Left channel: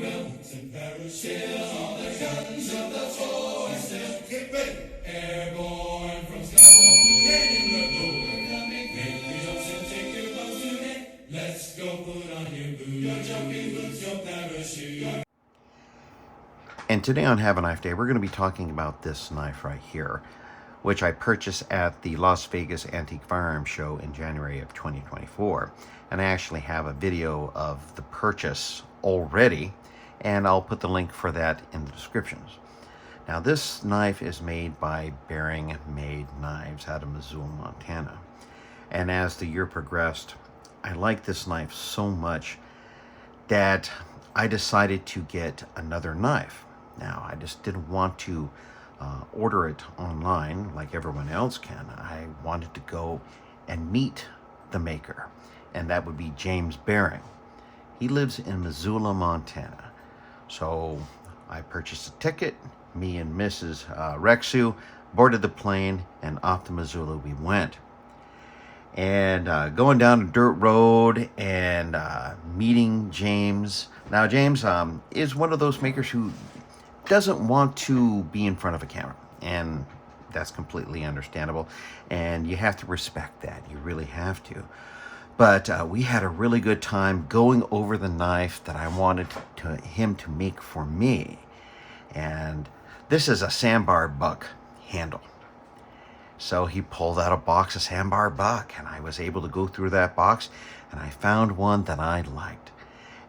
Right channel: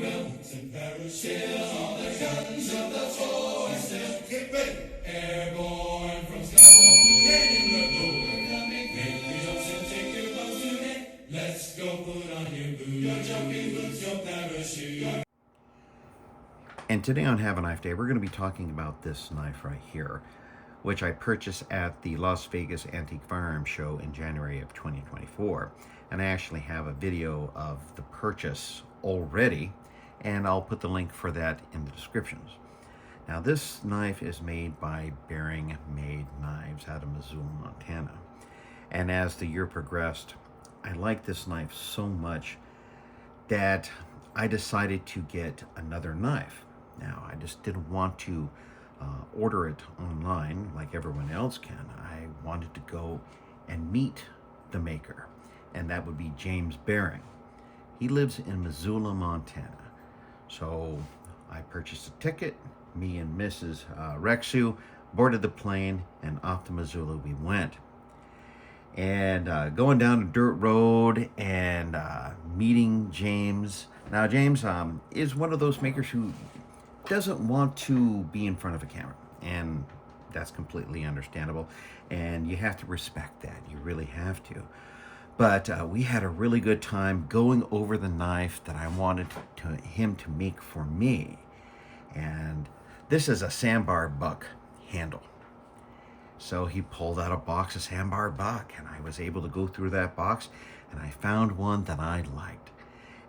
boots and parachutes, all the guns of the foe are still. Get ready! Airborne from skies up to head in the door. Coming, make your jumps and take your bows today. Let's go put on your boots, your jumping boots, your parachute. And today on Have a Knife Day, we're going to be talking about this knife right here, which I purchased at the Las Vegas Antique Firearms Show in January of 2024. And I actually have a video of the purchase already, and I'll put the link for that in the descriptions. Now, this knife is made by Behring Made Knives out of Missoula, Montana. And as the year progressed, I liked this knife so much that I decided to get another knife. Now, I just didn't want to order it online like everyone else can. I wanted to go and meet the maker, and that would be James Behring. He lives in Missoula, Montana. So I purchased a ticket. Me and Mrs. Rexu boarded the plane, and off to Missoula we went. And going down a dirt road and meeting James. Now, James is one of those makers who doesn't want to be in front of a camera, and that's completely understandable, and you have to respect that. You really have to. But we had a really good time going over the knife that I wanted him to make for me. And this is a sandbar buck handle. So he pulled out a box of sandbar buck, and I was able to go through that box, and I found one that I liked.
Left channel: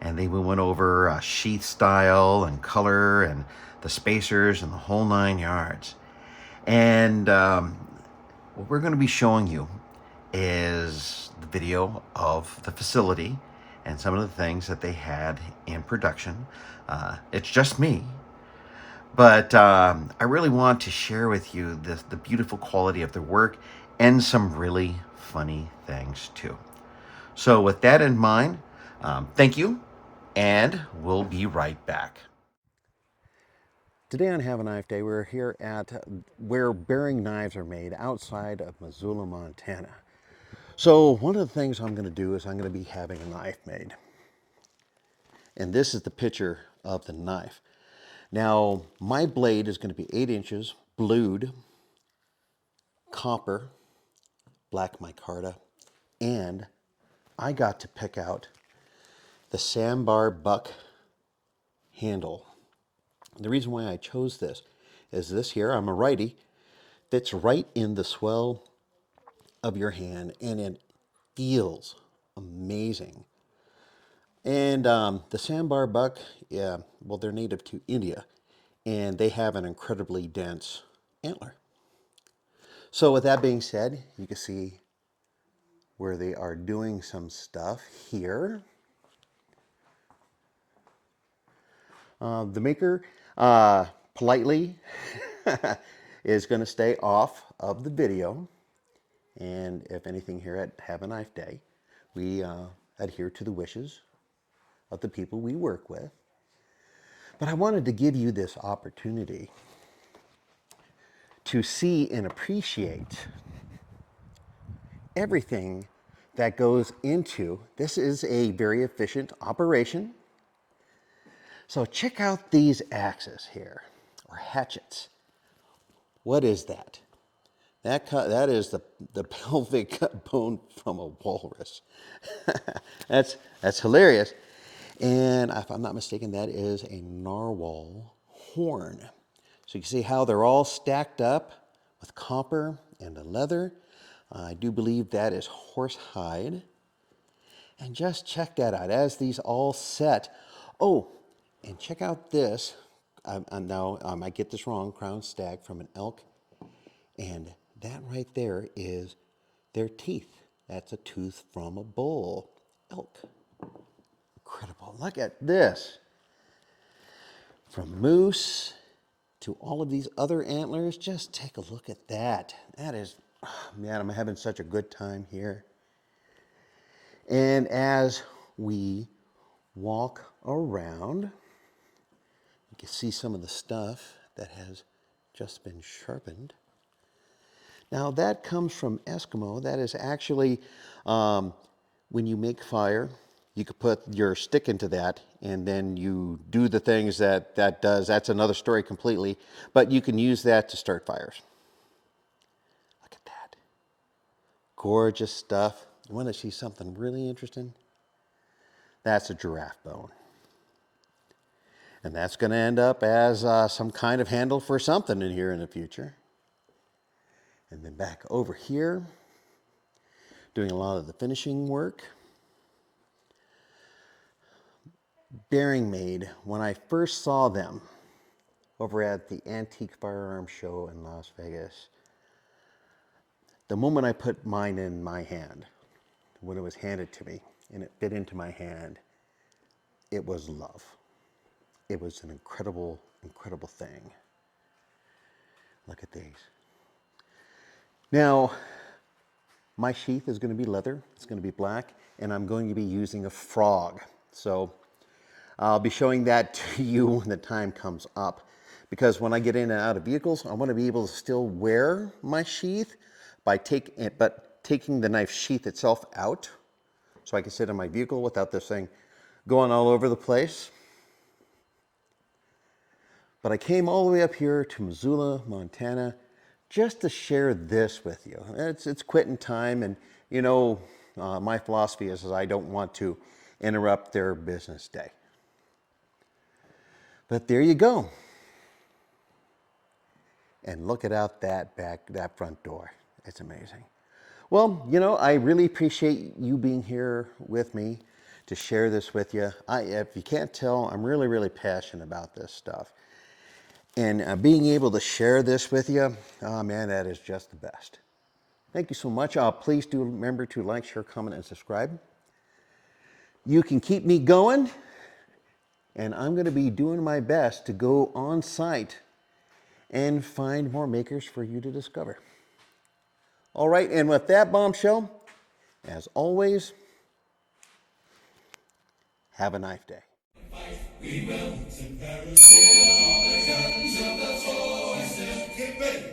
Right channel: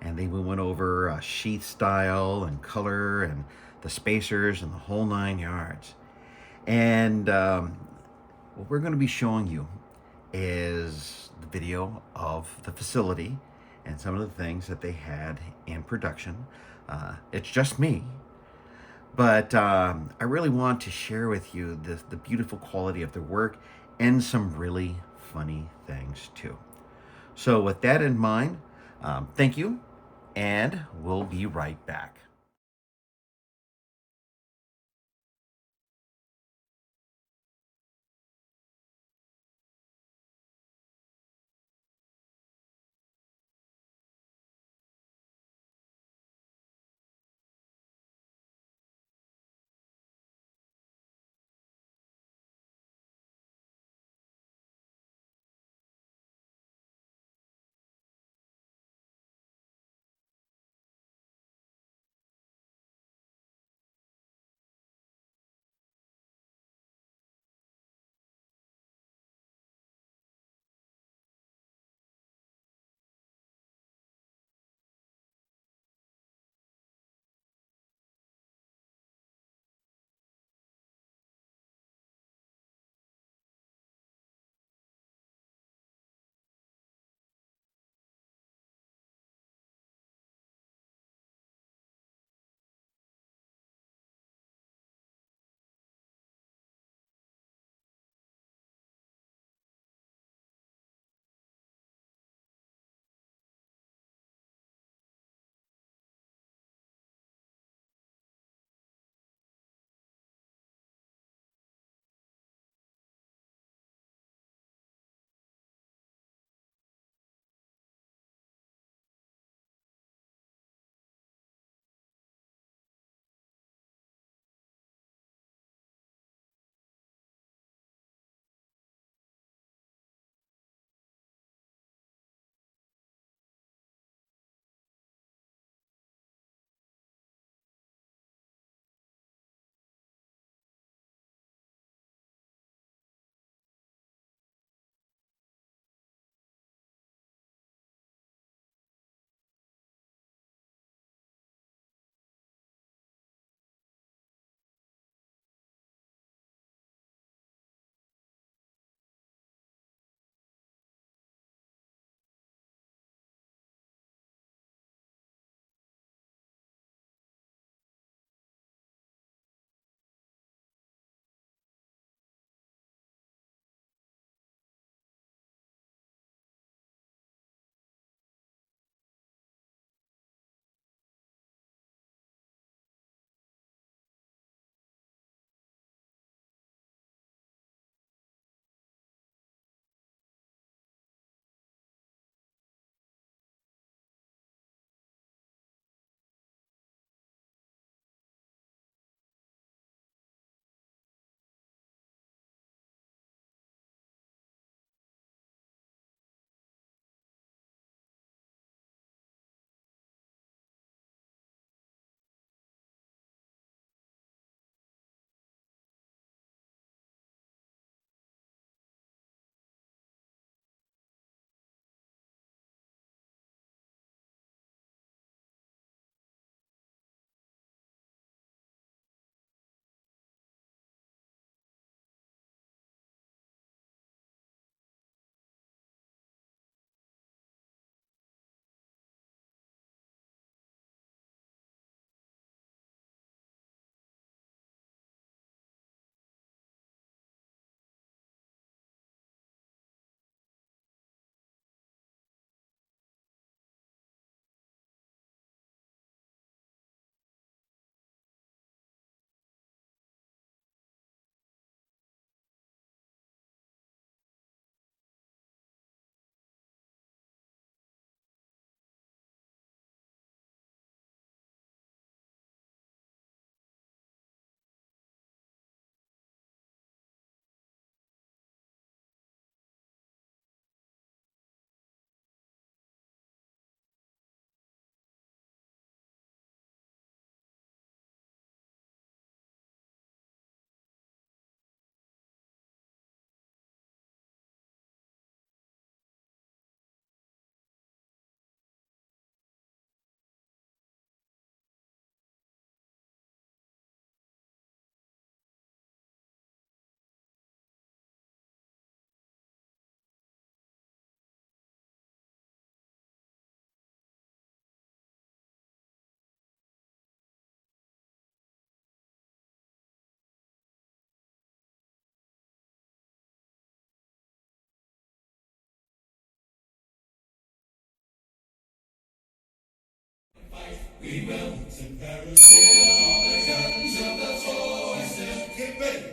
And then we went over sheath style and color and the spacers and the whole 9 yards. And what we're going to be showing you is the video of the facility and some of the things that they had in production. It's just me, but I really want to share with you the beautiful quality of their work and some really funny things too. So with that in mind, thank you, and we'll be right back. Today on Have a Knife Day, we're here at where Behring knives are made outside of Missoula, Montana. So one of the things I'm going to do is I'm going to be having a knife made. And this is the picture of the knife. Now, my blade is going to be 8 inches, blued, copper, black micarta, and I got to pick out the sandbar buck handle. The reason why I chose this is this here, I'm a righty, fits right in the swell of your hand, and it feels amazing. And the sandbar buck, yeah, well, they're native to India, and they have an incredibly dense antler. So with that being said, you can see where they are doing some stuff here. The maker politely is going to stay off of the video. And if anything, here at Have a Knife Day, we adhere to the wishes of the people we work with. But I wanted to give you this opportunity to see and appreciate everything that goes into this. Is a very efficient operation. So check out these axes here, or hatchets. What is that? That is the pelvic bone from a walrus. that's hilarious. And if I'm not mistaken, that is a narwhal horn. So you can see how they're all stacked up with copper and the leather. I do believe that is horse hide. And just check that out as these all set. Oh, and check out this. Now, I might get this wrong, crown stag from an elk. And that right there is their teeth. That's a tooth from a bull elk. Incredible. Look at this. From moose to all of these other antlers, just take a look at that. That is, oh man, I'm having such a good time here. And as we walk around, you can see some of the stuff that has just been sharpened. Now that comes from Eskimo. That is actually when you make fire You could put your stick into that, and then you do the things that does. That's another story completely. But you can use that to start fires. Look at that. Gorgeous stuff. You want to see something really interesting? That's a giraffe bone. And that's going to end up as some kind of handle for something in here in the future. And then back over here, doing a lot of the finishing work. Behring Made, when I first saw them over at the Antique Firearms Show in Las Vegas, the moment I put mine in my hand, when it was handed to me and it fit into my hand, it was love. It was an incredible, incredible thing. Look at these. Now, my sheath is going to be leather. It's going to be black, and I'm going to be using a frog. So I'll be showing that to you when the time comes up. Because when I get in and out of vehicles, I want to be able to still wear my sheath by taking the knife sheath itself out, so I can sit in my vehicle without this thing going all over the place. But I came all the way up here to Missoula, Montana, just to share this with you. It's quitting time, and you know, my philosophy is I don't want to interrupt their business day. But there you go. And look at out that front door. It's amazing. Well, you know, I really appreciate you being here with me to share this with you. If you can't tell, I'm really, really passionate about this stuff. And being able to share this with you, oh man, that is just the best. Thank you so much. Please do remember to like, share, comment, and subscribe. You can keep me going, and I'm going to be doing my best to go on site and find more makers for you to discover. All right, and with that bombshell, as always, have a knife day. We will, all the guns of the forces, get ready.